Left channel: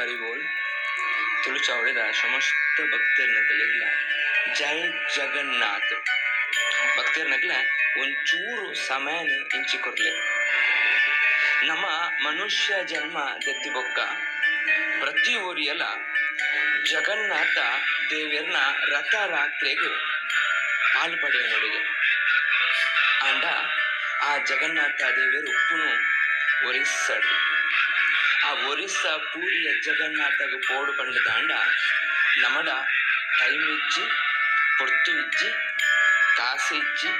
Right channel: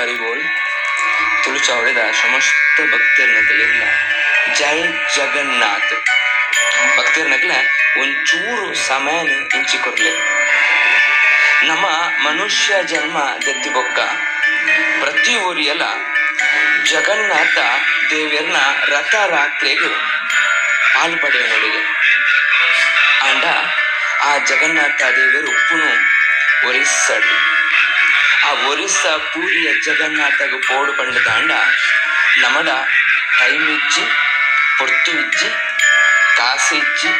ಹರಿಬೋಲ್ ತುಳುಚಾವಳಿದ ಸಮಸ್ತ ಸಮಸ್ತ ಭಕ್ತರನ್ನಗಲಿಲ್ಲ ಜೈ ಜಗನ್ನಾಥ್. ಭಕ್ತರನ್ನಗಲ ಒಂಚೂರು ಸಮಯನ ಇಂಚಿಕೊರ್ಲೆ ನಮ್ಮ ಮನುಷ್ಯ ಜನ್ಮ ದತ್ತಿ ಬೊಕ್ಕ. ಪ್ರತಿ ಊರಿಯಲ್ಲ ಜಗನ್ನಾಥ ದೇವಿಯರ್ನ ರಥ ಪಾಲು ಪಡೆಯ ನೋಡಿದೆ. ಅಂಡ ಆ ಜಗನ್ನಾಥ ದೇವರು ಉಪ್ಪುನು ಒರಿಸ್ಸಡು ಆ ಒರಿಸ್ಸಾ ಪೂರಿಯ ಜಗನ್ನಾಥಗ ಪೋಡು ಪಂಡ ತಾಂಡ ನಮಡ ಟೈಮ್ ಇಜ್ಜಿ ಪೊರ್ತು ಇಜ್ಜಿ ಕಾಸು ಇಜ್ಜಿ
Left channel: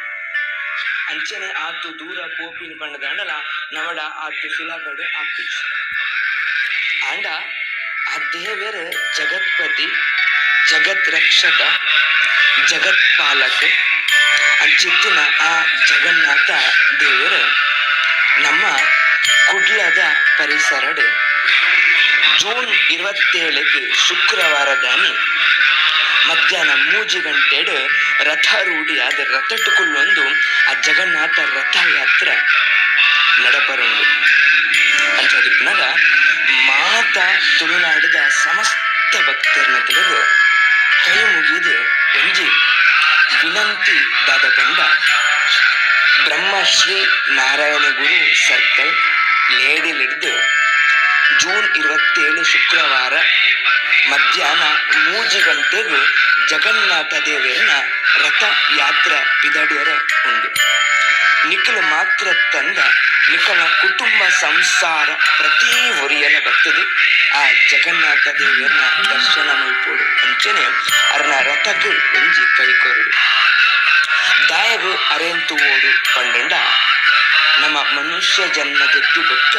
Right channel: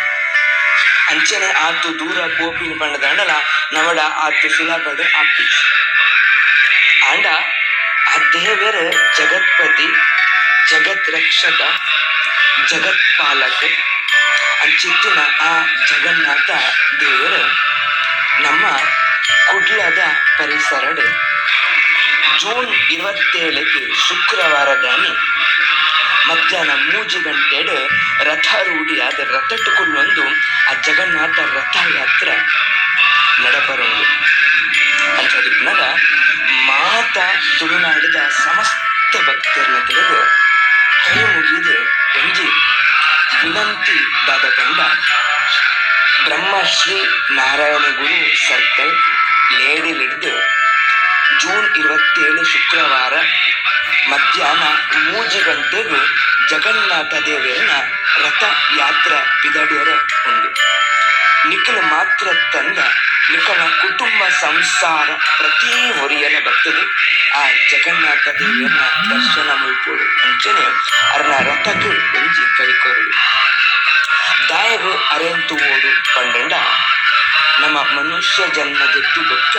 ಅಂಚನೆ ಆತು ದೂರ ಪೋಪಿನ ಪಂಡ ತಾಂಡಲ ನಮಡ ಆತು ಸುಲಭದ ಆಪ್ತಿ ಆಂಡ, ಆ ದೇವರ ಜಗತ್ಪತಿ, ಜಗತ್ ರಕ್ಷಕ ಜಗತ್ಪಾಲಕ ಅಂಚಿತ್ತಿನ ಆ ಜಗನ್ನಾಥ ದೇವರ, ನಮ್ಮ ಕುಗಿಯದ ಪರಿಸರಡೆ. ಜೂನ್ ಇರುವತ್ತೇಳಕ್ಕೆ ಶುಕ್ರವಾರದಾನೆ ಮಧ್ಯಾಹ್ನ ಮೂಜಿ ಗಂಟೆಡು ಆದ ರಥಟುಕುಲ್ಲೊಂದು ಆ ಜಗನ್ನಾಥ ರಥಯಾತ್ರ ನಡಪರೊಂದು ಅಂಚದಿಪ್ಪನಾಗ ಮಾತ ತುಳುನಾಡಿದ ಸಮಸ್ತ ಭಕ್ತರನ್ನ ತಿಳಿದು ಕೈ ಮುಗಿದು ಒಂಜಿ ವಿನಂತಿ ದಾದ ಕಂಡ ಬ್ರಹ್ಮಶ್ರೀ ನಾರಾಯಣ ಗುರು ಸರ್ಕಲ್ ಲೇಡಿಲಿಡ್ದು ಜೂನ್ ಇರುವತ್ತೇಳು ಶುಕ್ರವಾರ ಮಧ್ಯಾಹ್ನ ಮೂಜಿ ಗಂಟೆಗೂ ಜಗನ್ನಾಥ ದೇವಿಯನ್ನ ರಥ ಯಾತ್ರೆ ಪಿದಡಿಯರ ಉಂಡು ನಿಖಿಲ ಮಾತ್ರ ತಂದ ನಿಖಲ ಕುಟುಂಬ ಸಂಸಾರ ಪ್ರತಿ ಹೊರಿಯನ ಬರ್ತದೆ. ಆ ಜಗನ್ನಾಥ ದೇವಿಯನ್ನ ದರ್ಶನ ಮಲ್ಪೋಡು ಅಂಚನೆ ಅರ್ನ ರಥಕ್ಕೆ ಎಂಜಿ ಕೈಕೊರಡು ದಾಯವು ಅರೆಂತು ಓಡು ಪಂಡಂಡ ನಮ್ಮ ಮನುಷ್ಯ ಜನ್ಮ ಬೊಕ್ಕ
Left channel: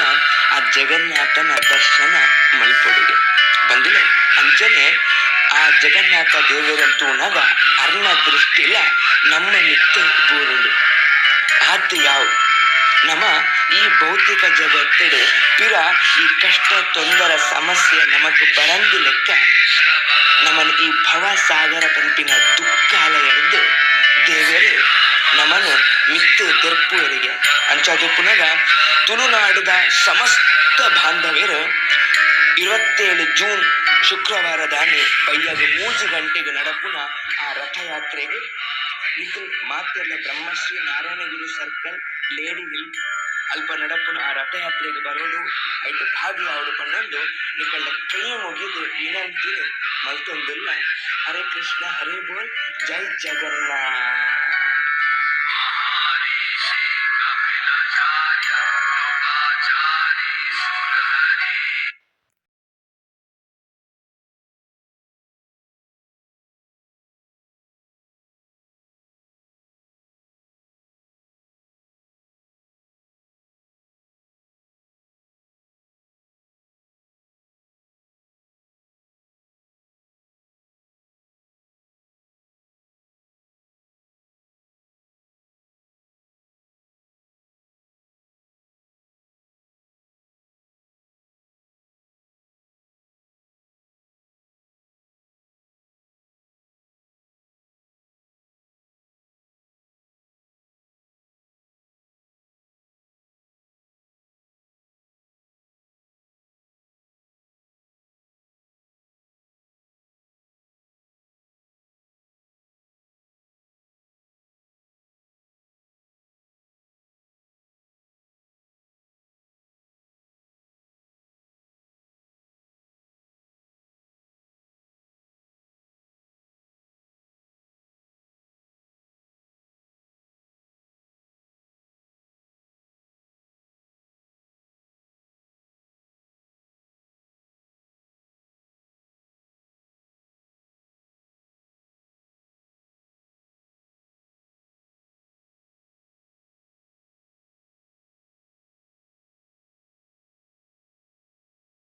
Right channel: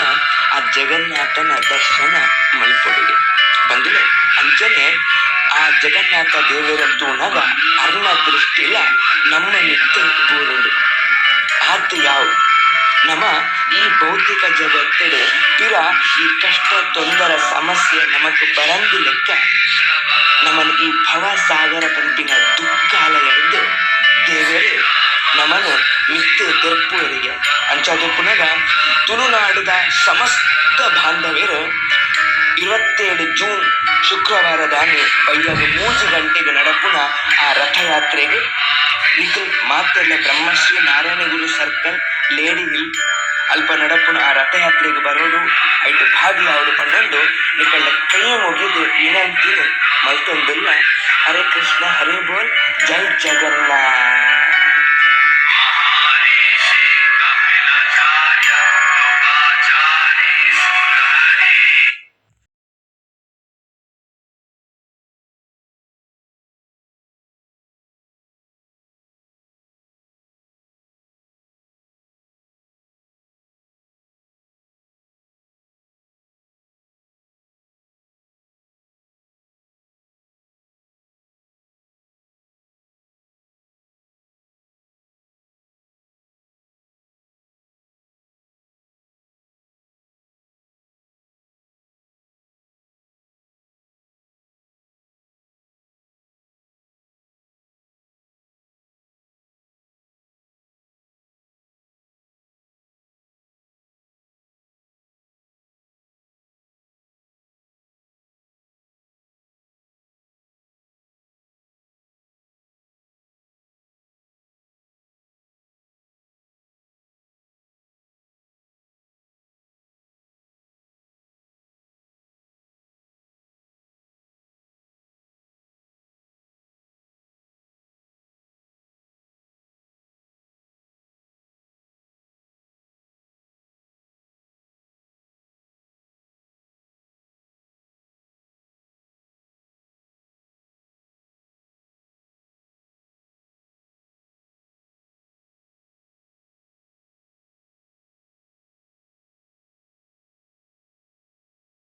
ಆ ಜಗನ್ನಾಥನ ದರ್ಶನ ಮಲ್ಪೊಡುಗೆ ಬಂದಿಲ್ಲ ಅಂಚನೆ ಆ ಜಗನ್ನಾಥ ದೇವರಂತೂ ಉಣಗ ಅರ್ಣ ದೃಷ್ಟಿಲ ನಮ್ಮ ನಿತ್ಯ ಬೂರುಡು ಆತ ಯಾವ? ನಮ್ಮ ಈ ಭೌತಿಕ ಜಗತ್ತಡೆ ಪಿರ ಈ ಕಷ್ಟ ತೊಂದರ ಸಮಸ್ಯೆ ನಮಕ್ ಬರಂದು ಲೆಕ್ಕ. ನಮ್ಮನ್ನು ಈ ಭವಸಾಗರ ಪಂಪಿನ ದುಃಖಾಲಯದ್ದು ದೇವರು ತೆರಪುವರಿಗೆ ಅಂಚಾದಪ್ಪನಾಗ ತುಳುನಾಡಿದ ಸಮಸ್ತ ಬಾಂಧವ್ಯರು ಇವತ್ತೇಳು ಜೂನ್ ಶುಕ್ರವಾರದಾನಿ ಬೈಯಾಗ ಮೂಜು ಗಂಟೆಗೆ ನಡಪುನ ಆ ರಥಯಾತ್ರೆಗೆ ನಿಖಿಲ್ ಮಾತೆಲ್ಲ Brahmashri Narayana Guru circle, lady hill, ಅಲ್ಪ ನಡಪುನ ಆ ರಥಯಾತ್ರೆಗೆ ಬರೋದು ಐಟು ಭಾಗಿಯಾವುದು ಕಂಡು ನಿಖಳ ಕೈ ಮುಗಿದು ವಿನಂತಿ ಮಲ್ತೊಂದಿಲ್ಲ. ಹರೇ ಕೃಷ್ಣ, ಹರೇ ಬೋಲ್, ಜೈ ಜಗನ್ನಾಥ್.